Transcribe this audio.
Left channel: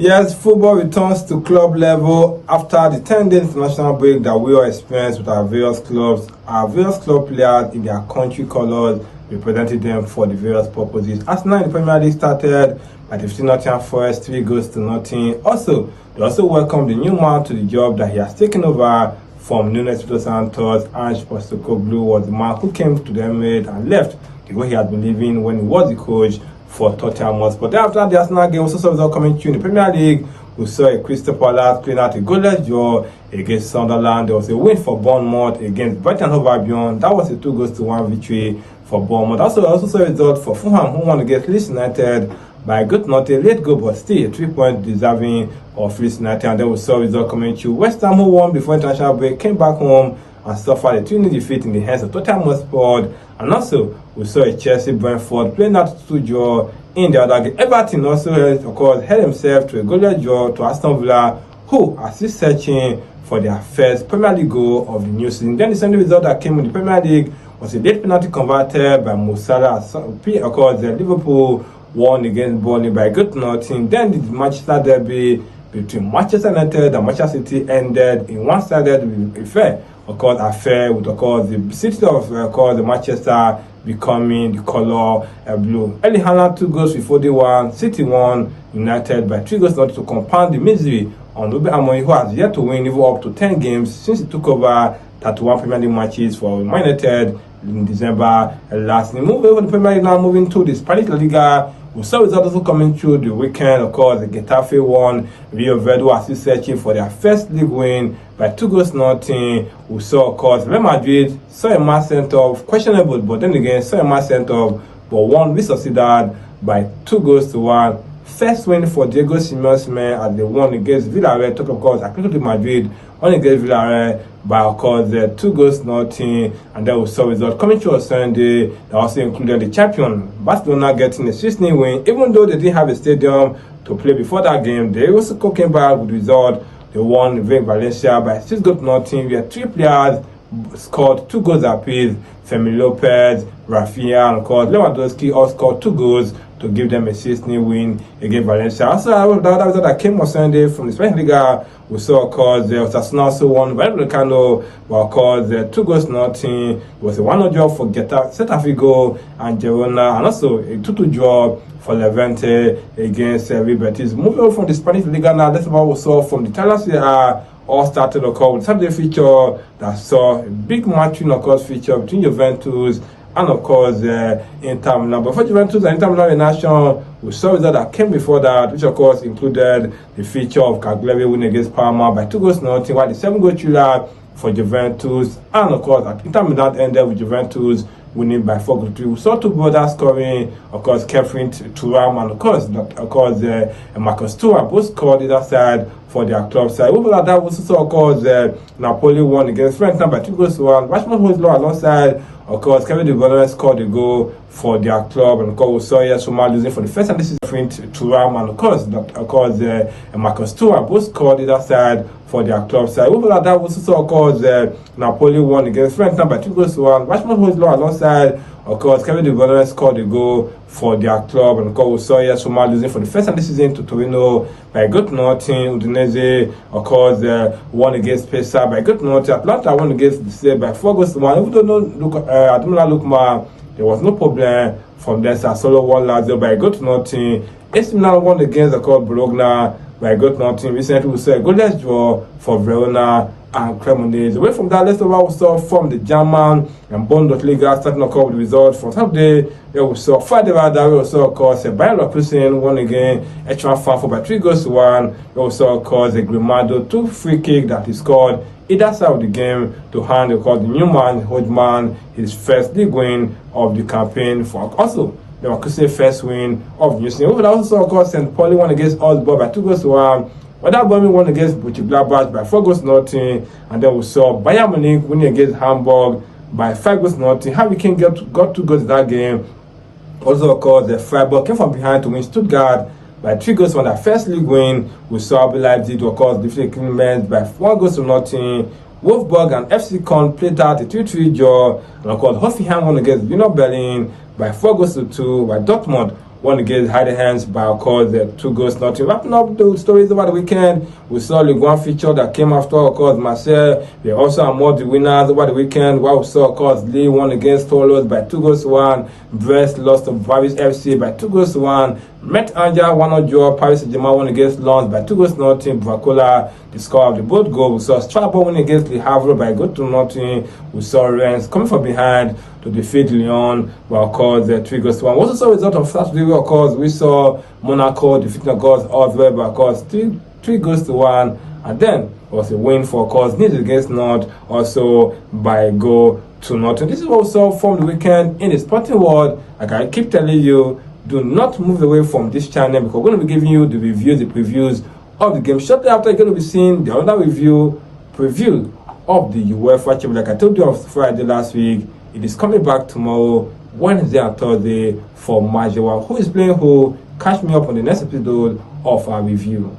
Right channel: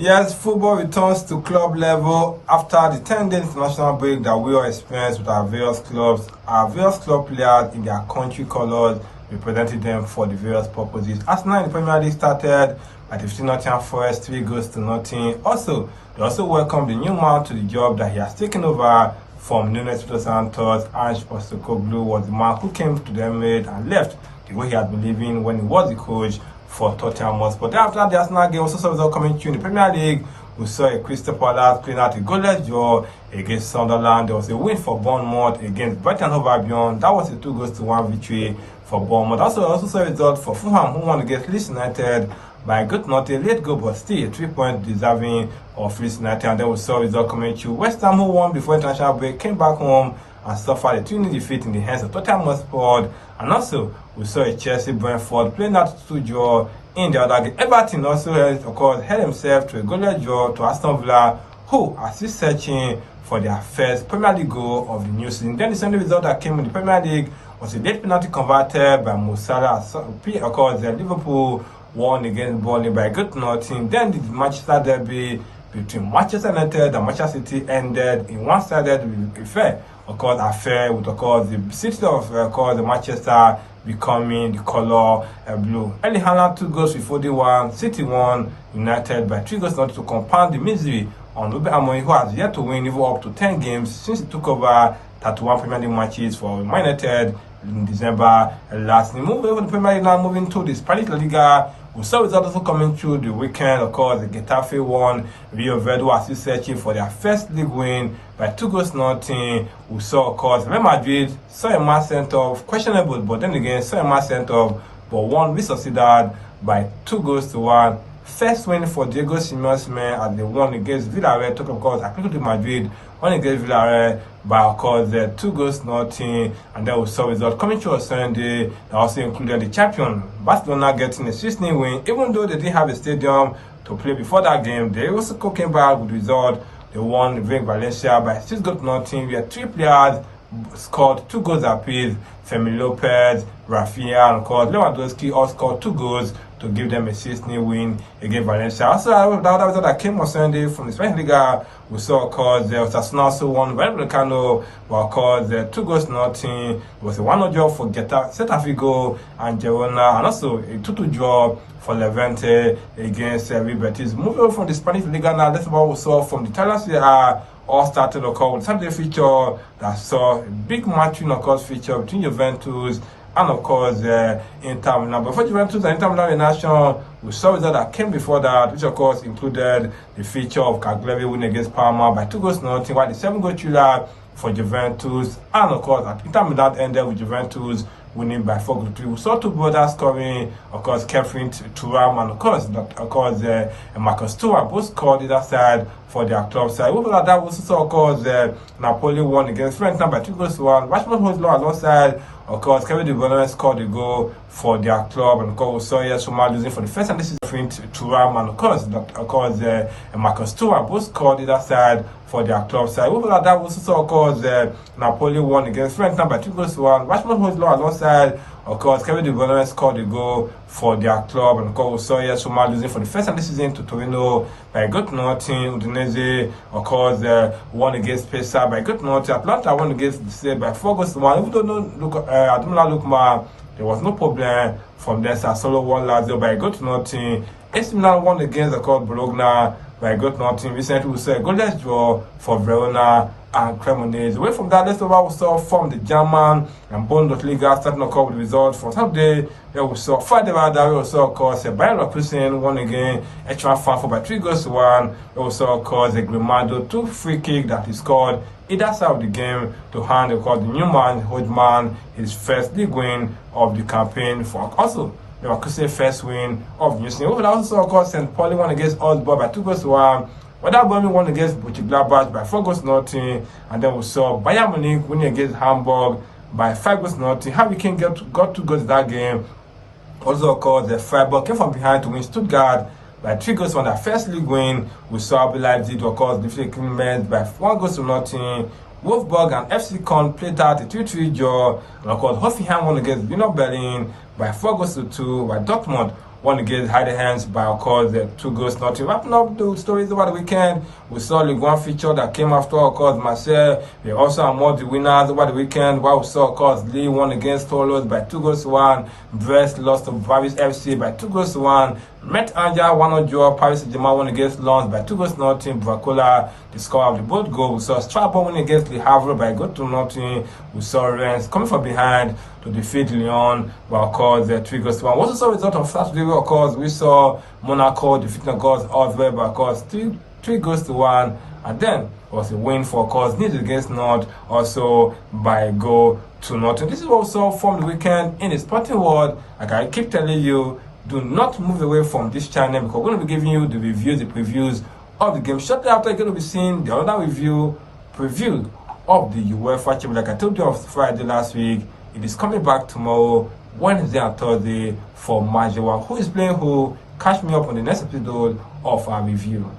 Yes, football returns to club level after the 10-day international break that we all experienced with our various clubs. Our various club players in their country colours represented them for the various purposes. Arsenal in the Premier League started by defeating Nottingham Forest 3-0. Also, they also welcomed the new man to the job that he has taken over from Nuno Espirito Santos. Ange Postecoglou was the man who came to the Emirates and left the way he had been living when he was the coach for Tottenham Hotspur. But after the Arsenal game, also saw result coming through in the Premier League. We saw a Crystal Palace clean out a goalless draw against Sunderland. There was a win for Bournemouth against Brighton Hove Albion. That was a 2-1 victory for Bournemouth. Also saw a result for Fulham, who won against Leeds United by a good, not a late goal, but still a 3-point deserving of Leeds United. And then we saw a result coming through. West Ham, who won before international break, came back home and suffered a 2-0 defeat in the hands of Tottenham Hotspur. And also, we saw a Chelsea-Brentford playing out 2 draw in the other game. Everton also, of course, held himself to a goalless draw to Aston Villa, who are still searching for their first Premier League goal of the new season. Then the Sunday result that came in the Premier League was a late penalty converted by Mo Salah. Of course, Liverpool won against Burnley by good nothing. Then the Manchester derby between Manchester United and Manchester City ended in one-sided affair. Of course, with the city of the Manchester becoming the color blue. Erling Haaland 2 goals with 41. City won United by 3-0 to compound the misery on Ruben Amorim, who has yet to win even up to 10 games since he took over 31 Premier League matches for Man United in December last year. Moving over the Premier League now, moving to the Spanish La Liga. We saw results also coming through the weekend. Of course, the Getafe won. Rio Verde are still searching for their first league win by 2-0. We saw, of course, Real Madrid saw a match sent off, questionable, but then again, saw a match sent off, but won with Sociedad by 2-1. First win for Diego Simeone as they won against Villarreal. Talk, of course, Atletico de Madrid won against Villarreal by, of course, 2-0. And then we saw results coming through on Sunday that also included the champion Barcelona getting a 6-0 win. Even though they didn't have a stadium to play before that game, they also came back with the result. They won Valencia by 6-0. We had 3 players scored 2 goals apiece. Fermin Lopez, Rafinha, and of course Lewandowski all scored 2 goals to give them a 6-0 win against Valencia. Also, the other result that came on Sunday from the Spanish Liga, we saw, of course, Osasuna also won Vallecano, but of course, 2-0. It was a 1-0 draw for Celta Vigo and Girona, and also a 2-2 draw for Levante against Real Betis. Moving on from the Spanish Liga now, let's see what we saw from the Italian Serie A. All started, of course, with Saturday feature that saw a big match, of course, feature between Juventus and, of course, Inter Milan. But for Juventus and Inter Milan in action, we saw results that came before that, which, of course, included the feature of Cagliari winning against Parma by 2-0, while the 7-goal thriller for Juventus, and, of course, Inter Milan ended with Juventus winning by 4-3. We saw 2 brothers scoring, of course, Kefrin Thuram and, of course, Marcus Thuram both scored either side for their club side. Over that, we also saw, of course, Napoli won against Fiorentina by 2-1. Rashford Hojlund alongside, of course, Kevin De Bruyne scored a goal for their club, and of course, we saw Roma losing for the first time this season. Thuram and, of course, Marcus Thuram both scored either side for their club side. Over that, we also saw, of course, Napoli won against Fiorentina by 2-1. Rashford Hojlund alongside, of course, Kevin De Bruyne scored a goal for their club, and of course, we saw Roma losing for the first time this season to Torino by 1-0. Udinese, of course, won against Pisa by 1-0. Atlanta won against Lecce by 4-1. Even though Ademola Lookman, there was no problem from there. Sassuolo won Lazio by 1-0. AC Milan won against, of course, Bologna by 1-0. Recently, we saw a goalless draw for Verona and Cremonese. Away from that, let's talk about what we saw from the German and Bundesliga, starting, of course, with results from Saturday. We saw Friday, we saw, of course, Bayer Leverkusen won again, Frankfurt by 3-1. We saw, of course, Grimado 2 free kick that he scored either side of the game to hand, of course, the new man, Hodgman, his first league win of the campaign. For also, Leverkusen first win of the new season. We also, of course, St. Pauli won against Augsburg by 2-1. Werder Bremen won against Mönchengladbach by 4-0, and then we saw Bayern Munich winning against Hamburg by 5-0. Harry Kane got 2 goals in that game. Also, of course, the Freiburg came from behind to win Stuttgart by 3 goals on their first league win. We saw RB Leipzig, of course, defeated Clemens by 1-0. Wolfsburg and FC Köln played out a 3-3 draw, and of course, Hoffenheim won against Union Berlin by 4-2, while Dortmund won against Hide Hands by, of course, 2 goals nothing. Wrapping up the stories over the weekend, we saw League One fixture that came after, of course, Marseille. They also are the winners over the weekend, while we saw, of course, Lille won against Toulouse by 2-1. Brest lost to Paris FC by 2-1. Met Angers 1-0 draw. Paris Saint-Germain won against Lens by 2-0. Bracola, the score of the both goals. We saw Strasbourg win against Le Havre by 2-0. We saw Rennes coming from behind to defeat Lyon by, of course, 3-1. We also saw the result of Saturday, of course. We saw Monaco defeating, of course, Oswell by, of course, 3-1. And then was a win for, of course, Nice against Nantes, also by 2-0. This is what we saw from the weekend in the sporting world. Like I keep telling you, do not move away from this channel, because we're going to be giving you the reviews, the previews of the game. Shortly after, you're going to be seeing the other preview of the UEFA Championship. Like I told you on Friday last week, it is coming back tomorrow, Wednesday and Thursday for match 1. Who is playing who? Catch me up on the next episode of our review.